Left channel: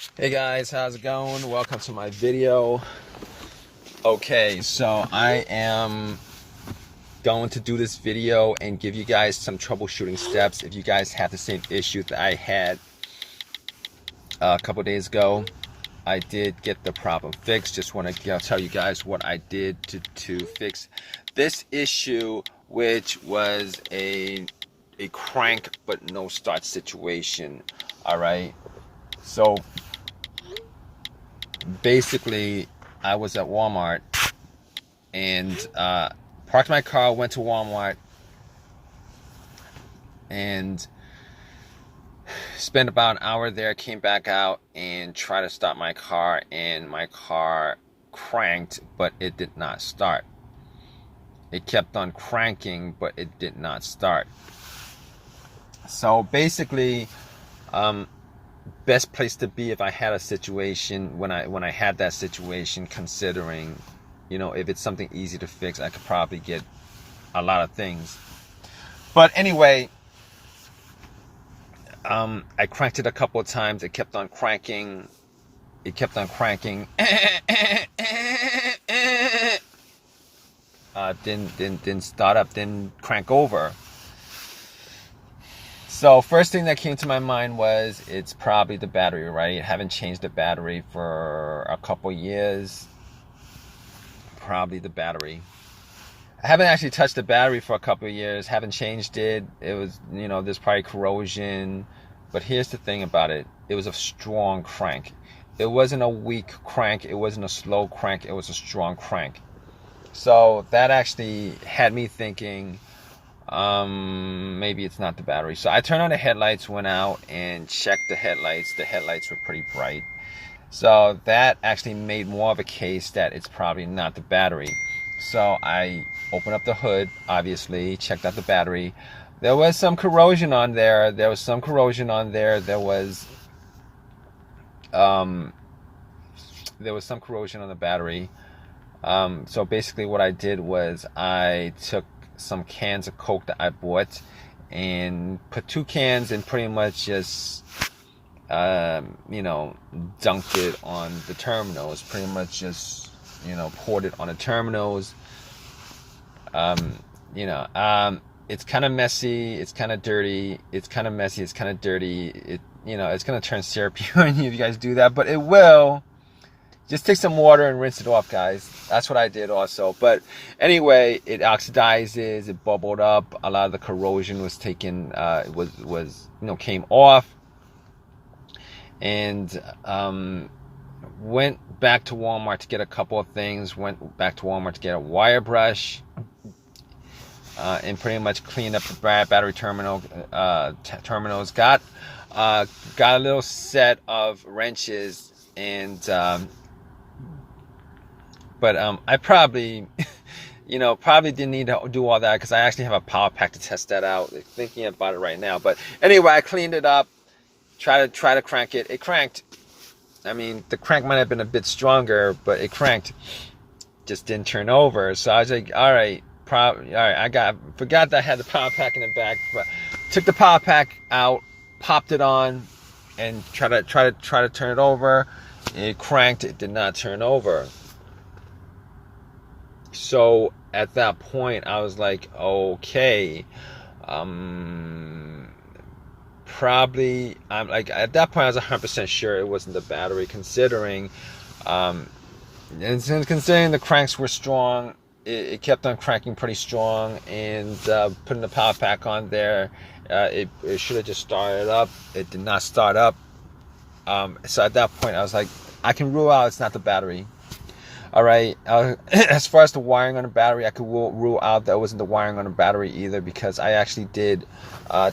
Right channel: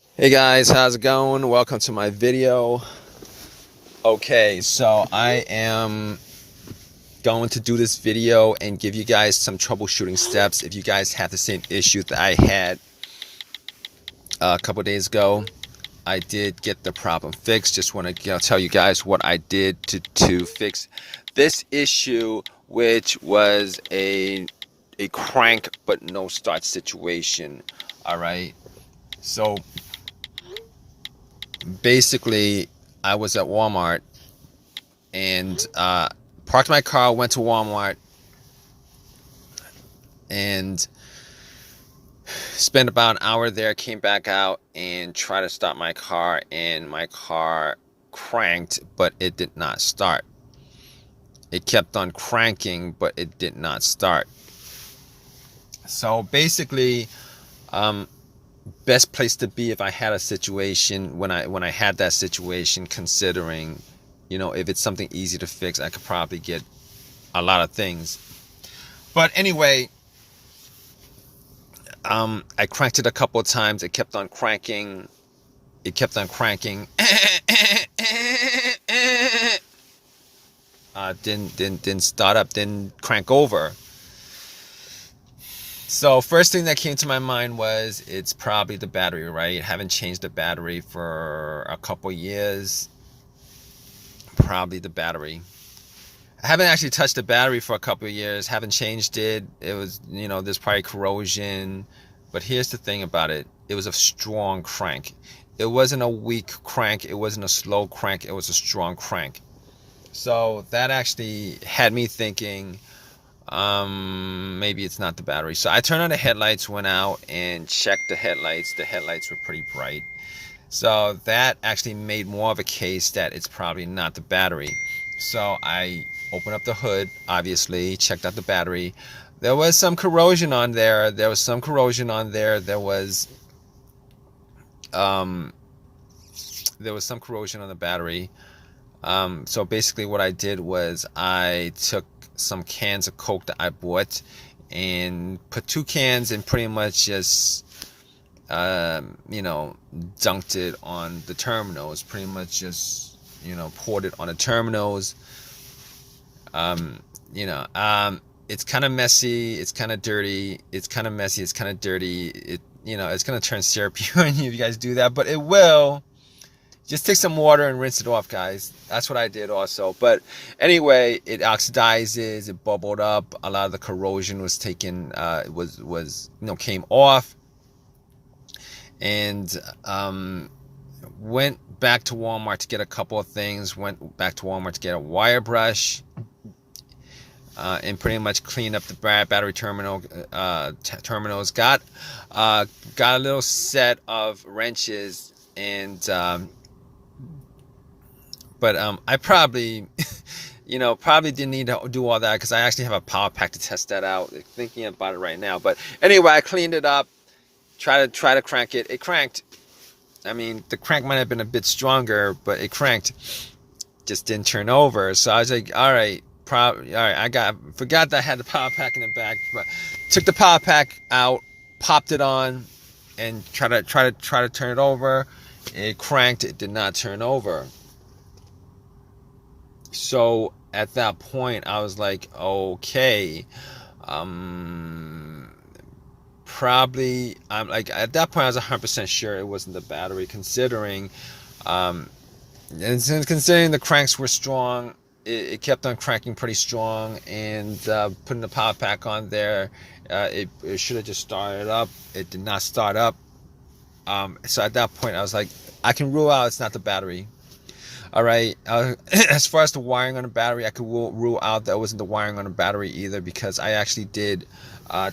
Hey guys, how's it going? Welcome to my video. Okay, so I am going to do this video and give you guys some troubleshooting steps if you guys have the same issue that I had a couple days ago. I did get the problem fixed. Just want to tell you guys what I did to fix this issue, which was a crank but no start situation. All right, so basically I was at Walmart and parked my car, went to Walmart and spent about an hour there, came back out and tried to start my car, and my car cranked but it did not start. It kept on cranking but it did not start. So basically best place to be if I had a situation when I had that situation, considering if it's something easy to fix, I could probably get a lot of things. But anyway, I cranked it a couple of times. It kept on cranking. Didn't start up, didn't crank over. So first thing that came to my mind was it's probably the battery, right? Haven't changed the battery for a couple years. Probably the battery. I haven't actually touched the battery for a couple of years. Haven't changed it. It was, there's probably corrosion. But here's the thing about it. It was a strong crank. It wasn't a weak crank. It wasn't a slow crank. It was a strong crank. So that actually had me thinking, maybe it's not the battery. So I turned on the headlights, went out and checked the headlights. The headlights were pretty bright. So that actually made more of a case that it's probably not the battery. So I opened up the hood, obviously, checked out the battery. There was some corrosion on there. There was some corrosion on there. There was some corrosion on the battery. So basically what I did was I took some cans of Coke that I bought and put 2 cans and pretty much just dunked it on the terminals, pretty much just poured it on the terminals. It's kind of messy, it's kind of dirty, it's kind of messy, it's kind of dirty. It's gonna turn syrupy on you if you guys do that, but it will. Just take some water and rinse it off, guys. That's what I did also. But anyway, it oxidizes, it bubbled up. A lot of the corrosion was taken, came off. And went back to Walmart to get a couple of things. Went back to Walmart to get a wire brush. And pretty much cleaned up the battery terminals. Got a little set of wrenches and but I probably probably didn't need to do all that because I actually have a power pack to test that out. Thinking about it right now. But anyway, I cleaned it up, try to crank it. It cranked. I mean, the crank might have been a bit stronger, but it cranked. Just didn't turn over. So I was like, all right, I forgot that I had the power pack in the back, but took the power pack out, popped it on, and try to turn it over. It cranked. It did not turn over. So at that point, I was like, okay, probably, I'm like, at that point, I was 100% sure it wasn't the battery, considering the cranks were strong. It kept on cranking pretty strong, and putting the power pack on there, it should have just started up. It did not start up. So at that point, I was like, I can rule out it's not the battery. All right. As far as the wiring on the battery, I could rule out that it wasn't the wiring on the battery either, because I actually did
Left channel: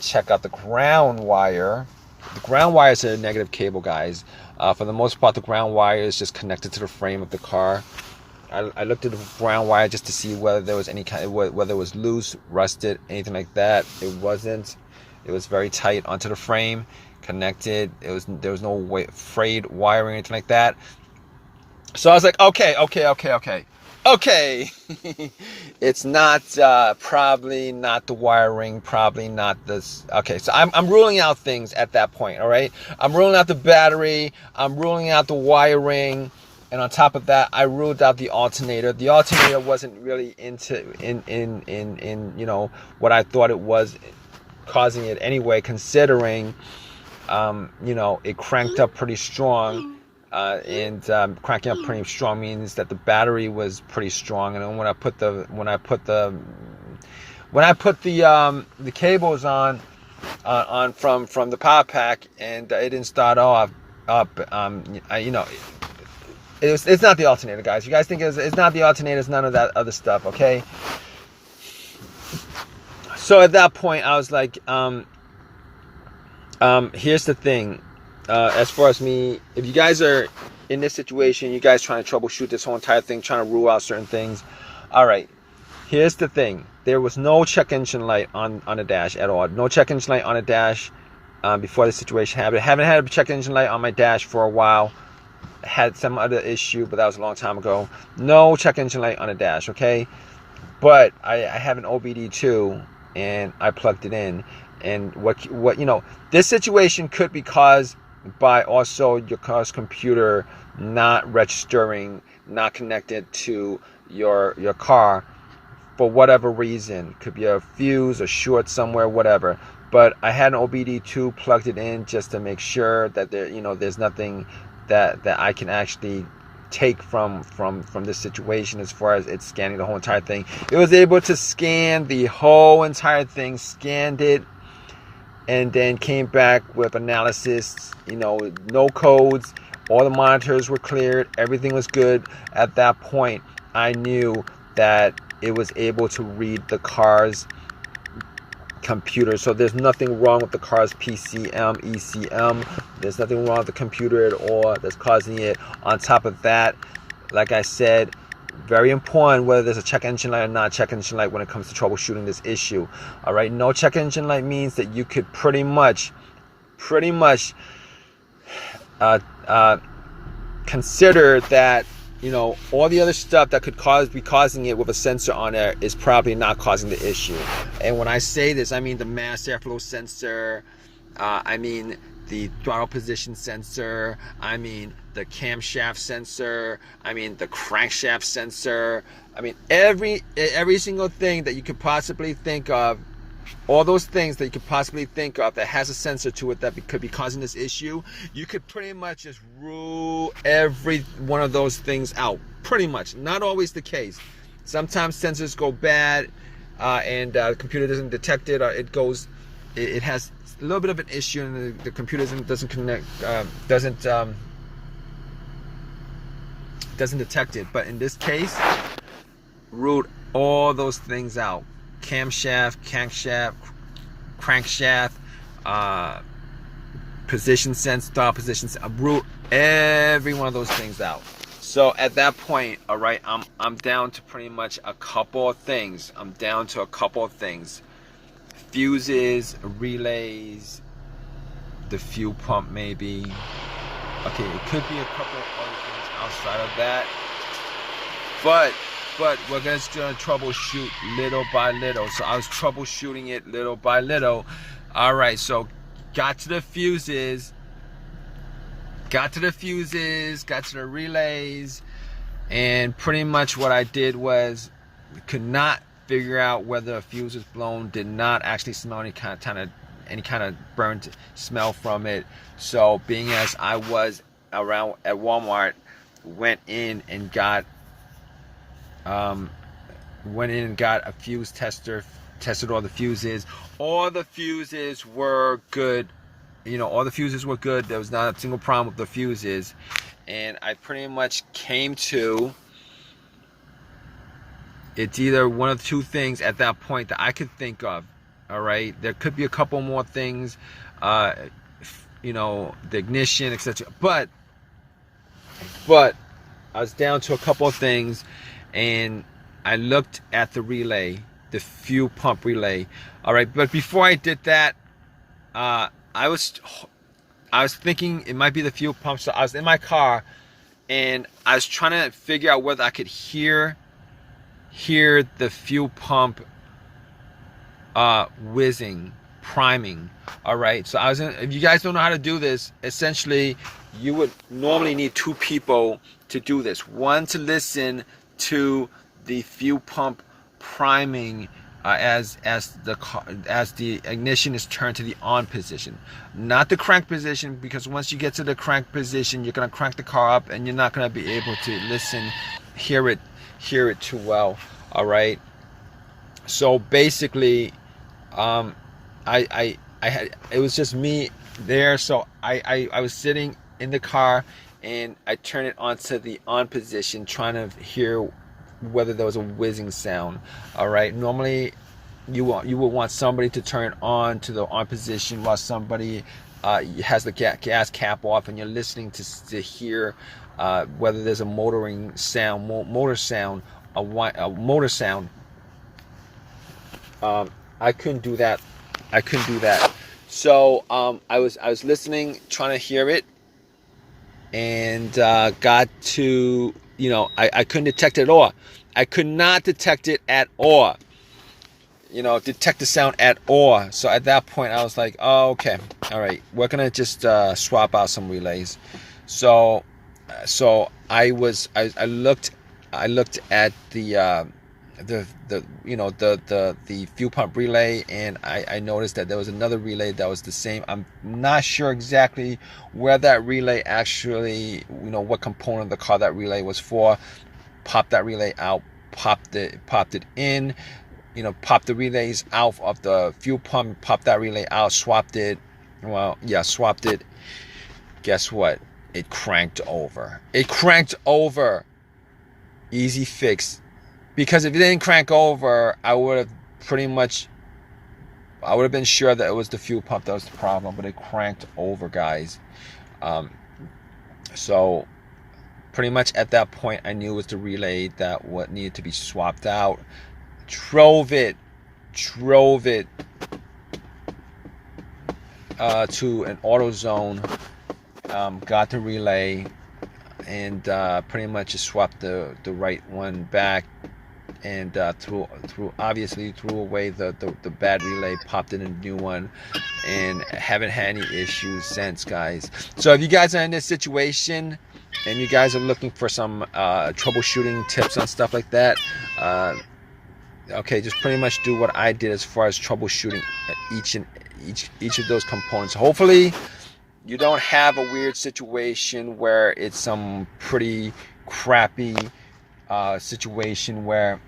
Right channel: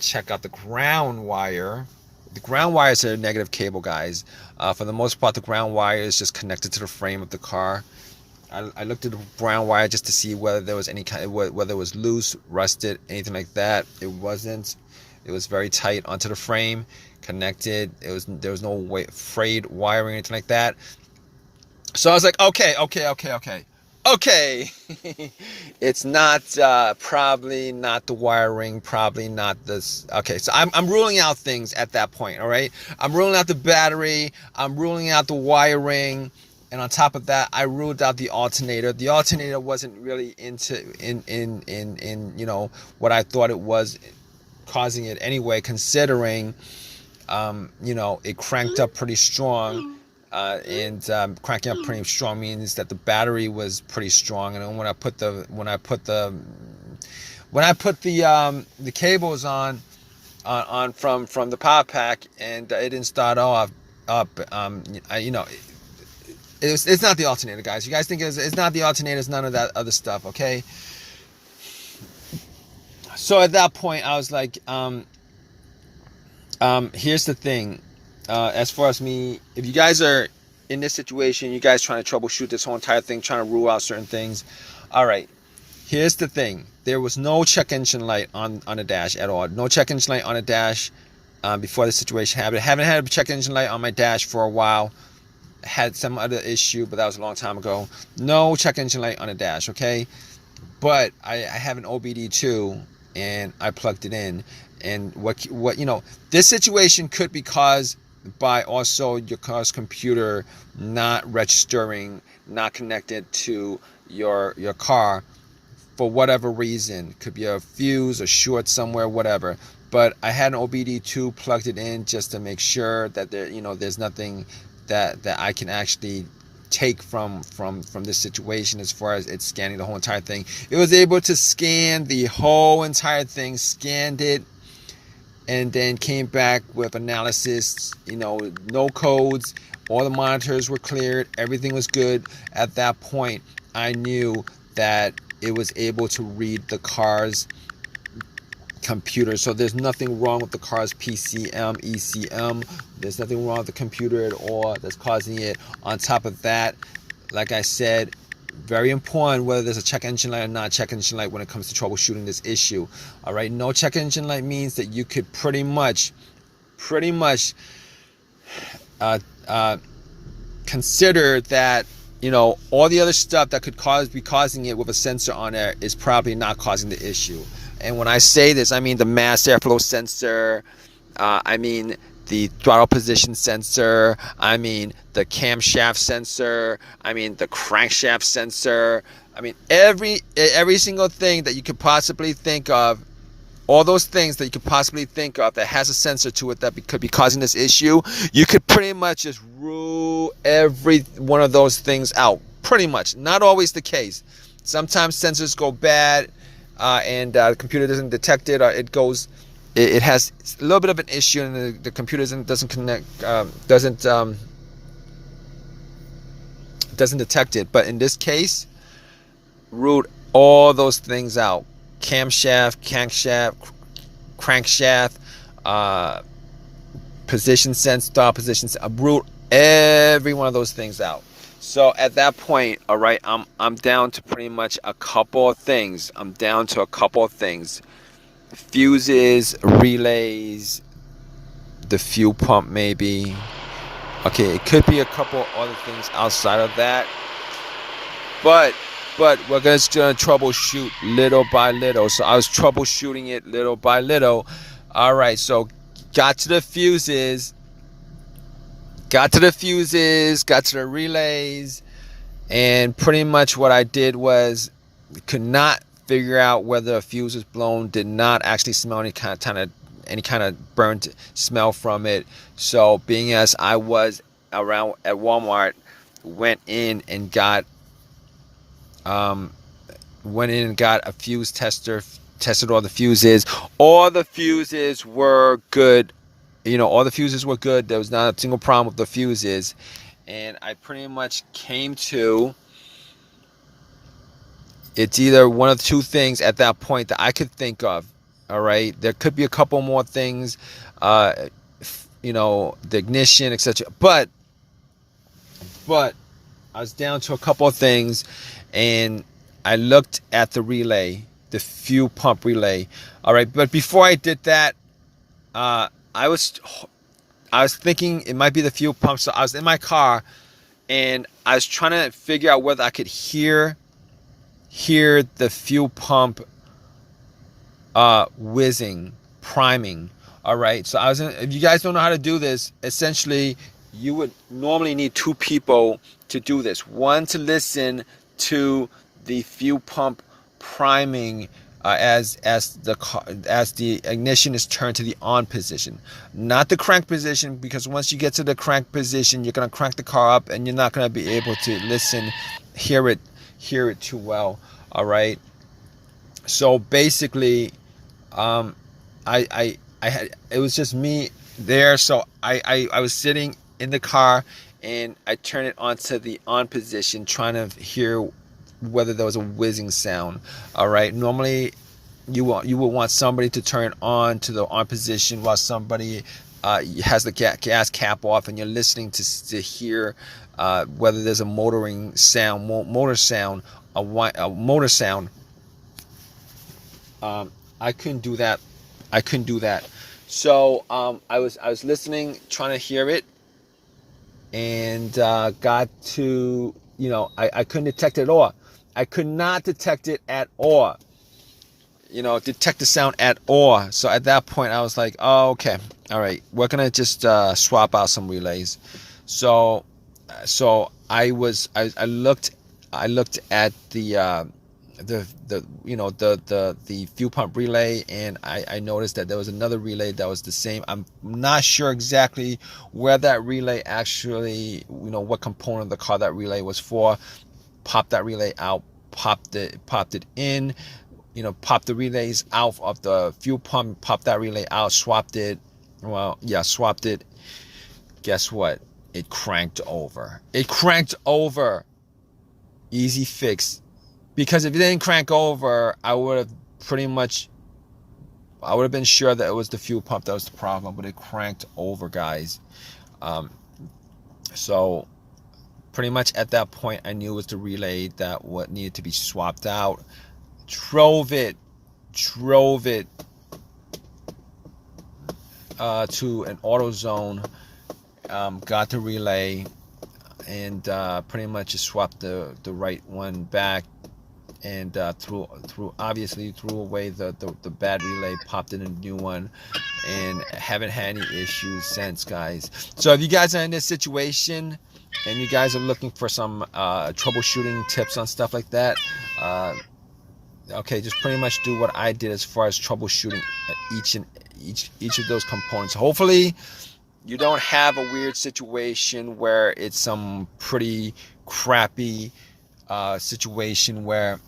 check out the ground wire. The ground wire is a negative cable, guys. For the most part, the ground wire is just connected to the frame of the car. I looked at the ground wire just to see whether there was whether it was loose, rusted, anything like that. It wasn't. It was very tight onto the frame, connected. There was no frayed wiring or anything like that. So I was like, okay. Okay, it's not probably not the wiring, probably not this. Okay, so I'm ruling out things at that point. All right, I'm ruling out the battery, I'm ruling out the wiring, and on top of that, I ruled out the alternator. The alternator wasn't really in you know what I thought it was causing it anyway, considering you know, it cranked up pretty strong. And cranking up pretty strong means that the battery was pretty strong. And when I put the cables on from the power pack, and it didn't start off up, you know, it's not the alternator, guys. You guys think it's not the alternator, it's none of that other stuff, okay? So at that point, I was like, here's the thing. As far as me, if you guys are in this situation, you guys trying to troubleshoot this whole entire thing, trying to rule out certain things. All right, here's the thing. There was no check engine light on the dash at all. No check engine light on the dash before the situation happened. I haven't had a check engine light on my dash for a while. Had some other issue, but that was a long time ago. No check engine light on the dash, okay? But I have an OBD2, and I plugged it in. And what you know, this situation could be caused by also your car's computer not registering, not connected to your car for whatever reason. Could be a fuse, a short somewhere, whatever. But I had an OBD2, plugged it in just to make sure that there, you know, there's nothing that I can actually take from this situation as far as it's scanning the whole entire thing. It was able to scan the whole entire thing, scanned it, and then came back with analysis, you know, no codes, all the monitors were cleared, everything was good. At that point, I knew that it was able to read the car's computer. So there's nothing wrong with the car's PCM, ECM. There's nothing wrong with the computer at all that's causing it. On top of that, like I said, very important whether there's a check engine light or not check engine light when it comes to troubleshooting this issue. All right, no check engine light means that you could pretty much consider that, you know, all the other stuff that could be causing it with a sensor on there is probably not causing the issue. And when I say this, I mean the mass airflow sensor, I mean the throttle position sensor, I mean the camshaft sensor, I mean the crankshaft sensor, I mean every single thing that you could possibly think of, all those things that you could possibly think of that has a sensor to it that could be causing this issue, you could pretty much just rule every one of those things out. Pretty much. Not always the case. Sometimes sensors go bad and the computer doesn't detect it, or it has a little bit of an issue and the computer doesn't connect, doesn't detect it. But in this case, ruled all those things out. Camshaft, crankshaft, position sense, throttle position sense, root every one of those things out. So at that point, all right, I'm down to pretty much a couple of things. Fuses, relays, the fuel pump maybe. Okay, it could be a couple other things outside of that. But we're just gonna troubleshoot little by little. So I was troubleshooting it little by little. All right, so got to the fuses, got to the relays, and pretty much what I did was could not figure out whether a fuse was blown. Did not actually smell any kind of burnt smell from it. So being as I was around at Walmart, went in and got a fuse tester, tested all the fuses. All the fuses were good. You know, all the fuses were good. There was not a single problem with the fuses. And I pretty much came to, it's either one of two things at that point that I could think of. All right, there could be a couple more things, you know, the ignition, etc. But I was down to a couple of things, and I looked at the relay, the fuel pump relay. All right, but before I did that, I was thinking it might be the fuel pump. So I was in my car, and I was trying to figure out whether I could hear hear the fuel pump whizzing, priming. All right, so if you guys don't know how to do this, essentially you would normally need two people to do this. One to listen to the fuel pump priming as the ignition is turned to the on position, not the crank position, because once you get to the crank position, you're gonna crank the car up and you're not gonna be able to hear it too well. All right, so basically, I had, it was just me there, so I was sitting in the car and I turned it onto the on position, trying to hear whether there was a whizzing sound. All right, normally you would want somebody to turn on to the on position while somebody has the gas cap off, and you're listening to hear whether there's a motoring sound, motor sound, a motor sound. I couldn't do that. So I was listening, trying to hear it, and got to, I couldn't detect it at all. I could not detect it at all. Detect the sound at all. So at that point, I was like, oh, okay, all right, we're gonna just swap out some relays. So I looked at the fuel pump relay, and I noticed that there was another relay that was the same. I'm not sure exactly where that relay actually, what component of the car that relay was for. Popped that relay out, popped it in, popped the relays out of the fuel pump, popped that relay out, swapped it. Swapped it. Guess what? It cranked over. Easy fix. Because if it didn't crank over, I would have been sure that it was the fuel pump that was the problem, but it cranked over, guys. So pretty much at that point, I knew it was the relay that what needed to be swapped out. Drove it to an AutoZone, got the relay, and pretty much just swapped the right one back, and threw away the bad relay, popped in a new one, and haven't had any issues since, guys. So if you guys are in this situation and you guys are looking for some troubleshooting tips on stuff like that, okay, just pretty much do what I did as far as troubleshooting each of those components. Hopefully you don't have a weird situation where it's some pretty crappy situation where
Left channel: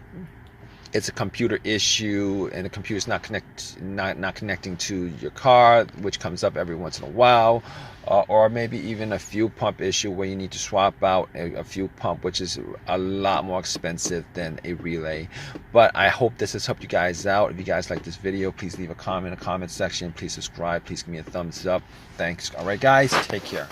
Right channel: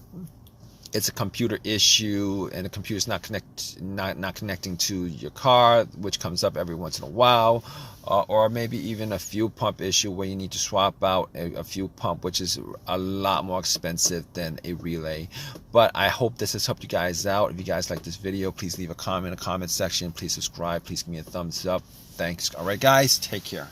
it's a computer issue and the computer's not connecting to your car, which comes up every once in a while, or maybe even a fuel pump issue where you need to swap out a fuel pump, which is a lot more expensive than a relay. But I hope this has helped you guys out. If you guys like this video, please leave a comment in the comment section. Please subscribe. Please give me a thumbs up. Thanks. All right, guys, take care.